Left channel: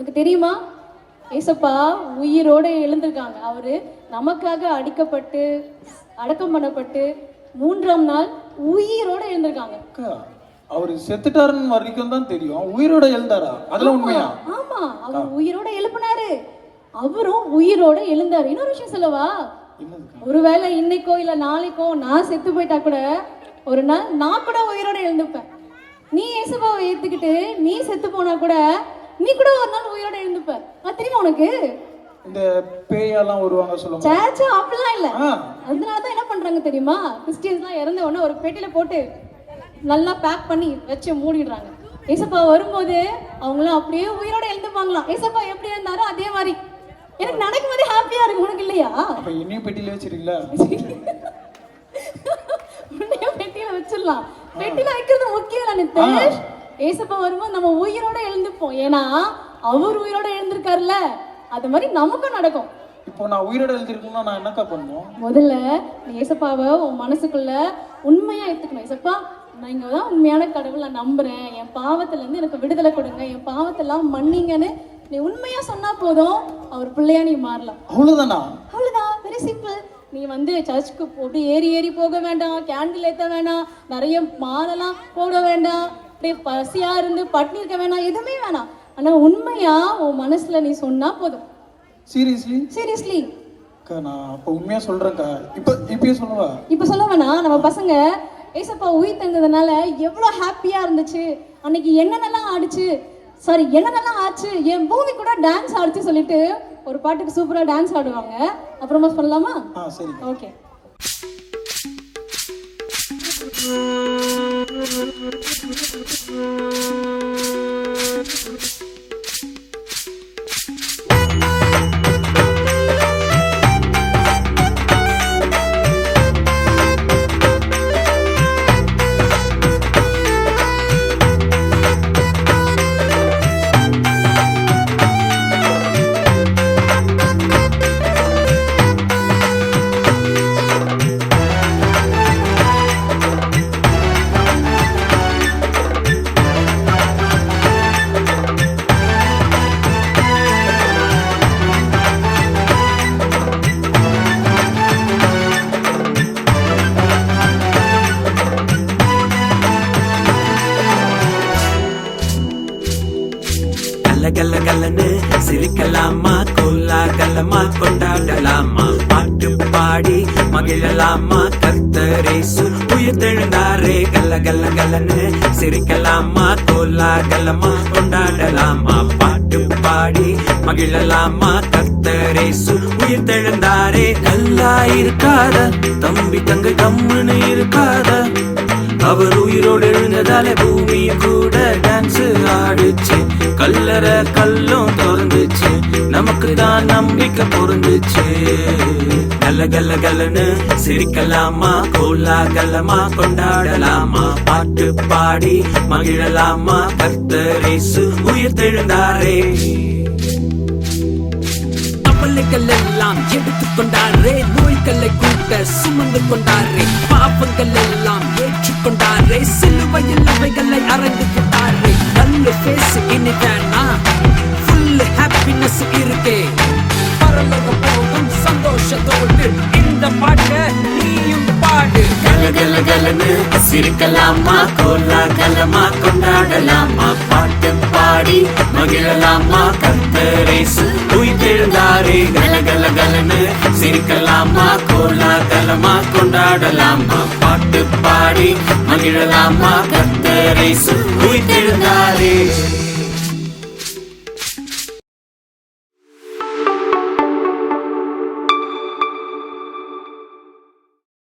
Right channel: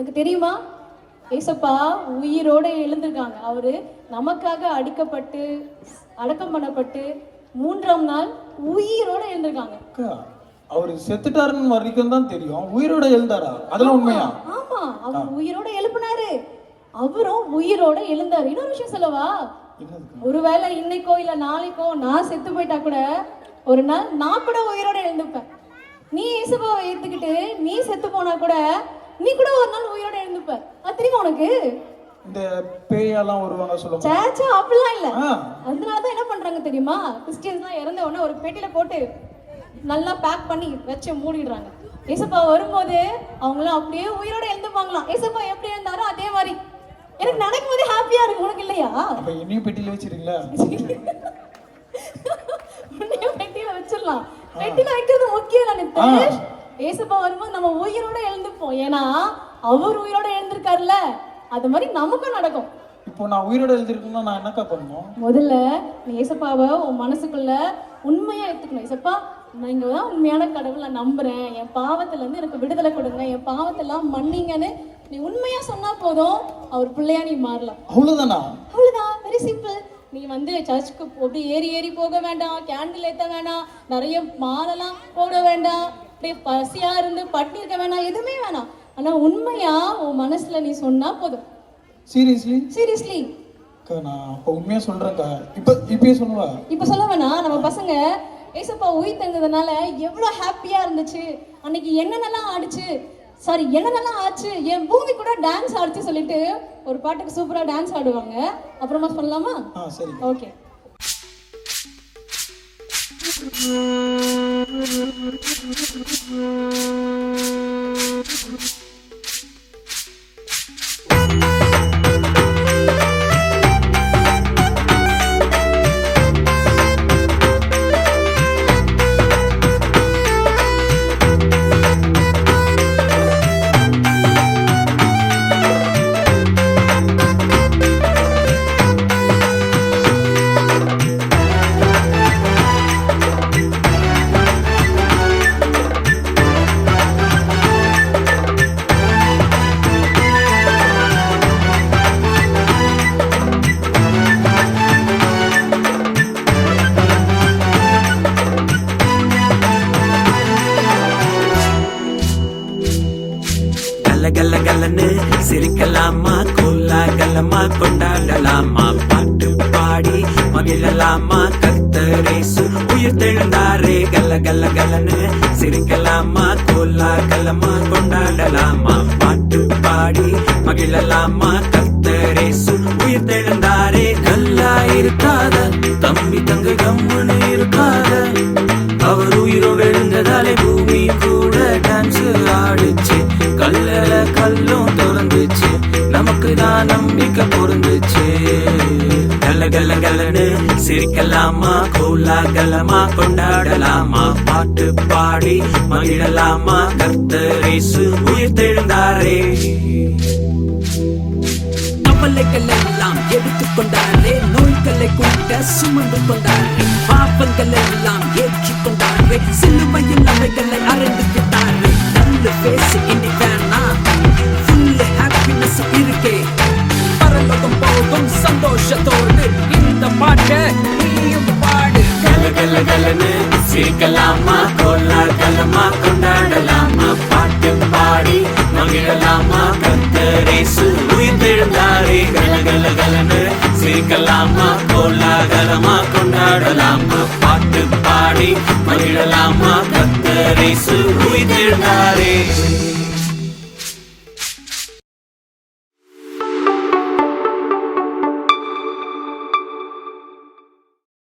உனக்கு தெரியுமா? ஏசப்பா உயிரோடு எழுந்திருக்காங்க. அவரு நமக்காக அடிக்கப்பட்டு அடக்கம் பண்ணப்பட்டு 3ஆம் நாள் உயிரோட எழுந்திருக்காங்க. அவரு செத்துட்டாருன்னு வரைக்கும் தான் தெரியும். உயிரோட எழுந்தாரா? அதெல்லாம் உண்மையா? ஆமா, அவர் உயிரோட எழுப்பினாரு, அவரும் உயிரோட எழுந்தாரு. இன்னொரு விஷயம் சொல்லவா? ஒருவேளை இன்னைக்கோ இல்ல நாளைக்கோ நான் செத்து போயிட்டா கூட ஒரு நாள் நான் கூட உயிரோட எழுந்துப்பேன். நீ இயேசுவை ஏத்துக்கிட்டு நீ செத்து போனா கூட நீ கூட ஒரு நாள் உயிரோட எழுந்துப்ப. அது தெரியுமா உனக்கு? இந்த பேயெல்லாம் வருவாங்க சொல்லுவாங்க. சேச்சா அப்படிலாம் இல்ல. அதனாலதான் என்ன பண்றாங்க தெரியுமா? கிறிஸ்டியன்ஸ்லாம் இறந்த உடனே ஒரு பெட்டியில போட்டு நல்லா பேக் பண்ணி வச்சு மூடிடுறாங்க. ஏசப்பா வரும்போது அவங்களாம் அப்படியே உயிரோட எழுந்துப்பாங்களாம். ஏசப்பா எப்படி இருந்தாரோ அதே மாதிரி. எனக்கு நடக்கும் போதே ஹாப்பியா இருக்கு. உனக்கு இல்லையா? அப்ப என்னையும் பெட்டியில வச்சிருக்கீங்களா? பெட்டியில வச்சிடலாம். பெட்டியில வைக்கிறது முக்கியம் தான் நித்தேஷ். ஏசப்பா வரும்போது நம்ம உயிரோட எழுந்துப்போம். ஏன்னா அவர் உயிரோட எழுந்திருக்காருல்ல, அது மாதிரி நமக்கும் நடக்கும். இப்போ நான் உயிரோட எழுந்திருக்கணும்னா நான் என்னக்கா பண்ணணும்? முதல்ல நீ ஏசப்பாவை உன் மனசுக்குள்ள உண்மையா எடுத்துக்கணும். ஏசப்பா, நீங்க தான் உண்மையான கடவுள், நான் நம்புறேன், என் பாவத்துல இருந்து எனக்கு விடுதலை கொடுங்க, என் பாவத்தெல்லாம் மன்னிங்கன்னு நீ உண்மையா சொன்னா போதும், அவர் பிள்ளையா நீ மாறலாம். அவ்வளவுதானா? அவ்வளவுதான், வெரி சிம்பிள். நீ வந்து சர்ச்சுக்கு அப்படி ஏறி போக வேண்டாம், கேண்டில் ஏற்ற வேண்டாம், நிறைய மாலைலாம் போட வேண்டாம், அப்படியே பசியா இருந்து பட்டினி இருக்க வேணாம், எதுவுமே வேணாம். ஆனா உண்மையா உன் மனசுல நீ சொன்னா போதும். சீரியஸ்லி நான் அப்ப உண்மையா சொல்றேன்க்கா. இப்பயே சொல்லுவா? இப்ப சொல்ல வேணாம். நம்ம பசங்க ஏசப்பா உயிர் தந்ததுனால எவ்வளவு ஹாப்பியா இருந்துச்சு, அன்னைக்கு என்னென்னலாம் ஆச்சு, என் பூமி கூட டான்ஸ் ஆடிச்சு சொல்லிட்டு ஒரு பாட்டுக்கு சூப்பரா டான்ஸ் ஆடுவாங்க. அப்புறமா சொல்லலாமா? சரி, ஓகே. கலகலகலன்னு சிரிக்கலாமா, கோலாகலமா கொண்டாடலாமா, பாட்டு பாடி மகிழலாமா, கர்த்தரேசு உயிர்த்தெழுந்தாரே. கலகலகலன்னு சிரிக்கலாமா, கோலாகலமா கொண்டாடலாமா, பாட்டு பாடி மகிழலாமா, கர்த்தரேசு உயிர்த்தெழுந்தாரே. நல்லா இருக்காத தம்பி தங்க கம்முன்னு இருக்காத, அவர் உயிரோடு எழுந்ததாலே பூமி கூட டான்ஸ் ஆடுச்சு, கல்லற கல்லும் திறந்துச்சு, நமக்கு தான் நம்பிக்கை பொருந்துச்சு. கலகலகலன்னு சிரிக்கலாமா, கோலாகலமா கொண்டாடலாமா, பாட்டு பாடி மகிழலாமா, கர்த்தரேசு உயிர்த்தெழுந்தாரே. கவலைகள் எல்லாம் எடுத்துக்கொண்டாரே, நோய்களை குறிக்க சுமந்து கொண்டாரே, பாவங்கள் எல்லாம் ஏற்றுக்கொண்டாரே, சிலுவையில் அவைகளை அறந்துவிட்டாரே. நல்ல பேசு இனி வேணாம், ஃபுல் ஹாப்பினஸ் இருக்கே, பரலோகம் போகும் சந்தோஷத்தோடு இந்த பாட்டை நீயும் பாடு. கலகலகலன்னு சிரிக்கலாமா, கோலாகலமா கொண்டாடலாமா, பாட்டு பாடி மகிழலாமா, கர்த்தரேசு உயிர்த்தெழுந்தாரே. கலகலகலன்னு சிரிக்கலாமா, கோலாகலமா கொண்டாடலாமா, பாட்டு பாடி மகிழலாமா, கர்த்தரேசு உயிர்த்தெழுந்தாரே.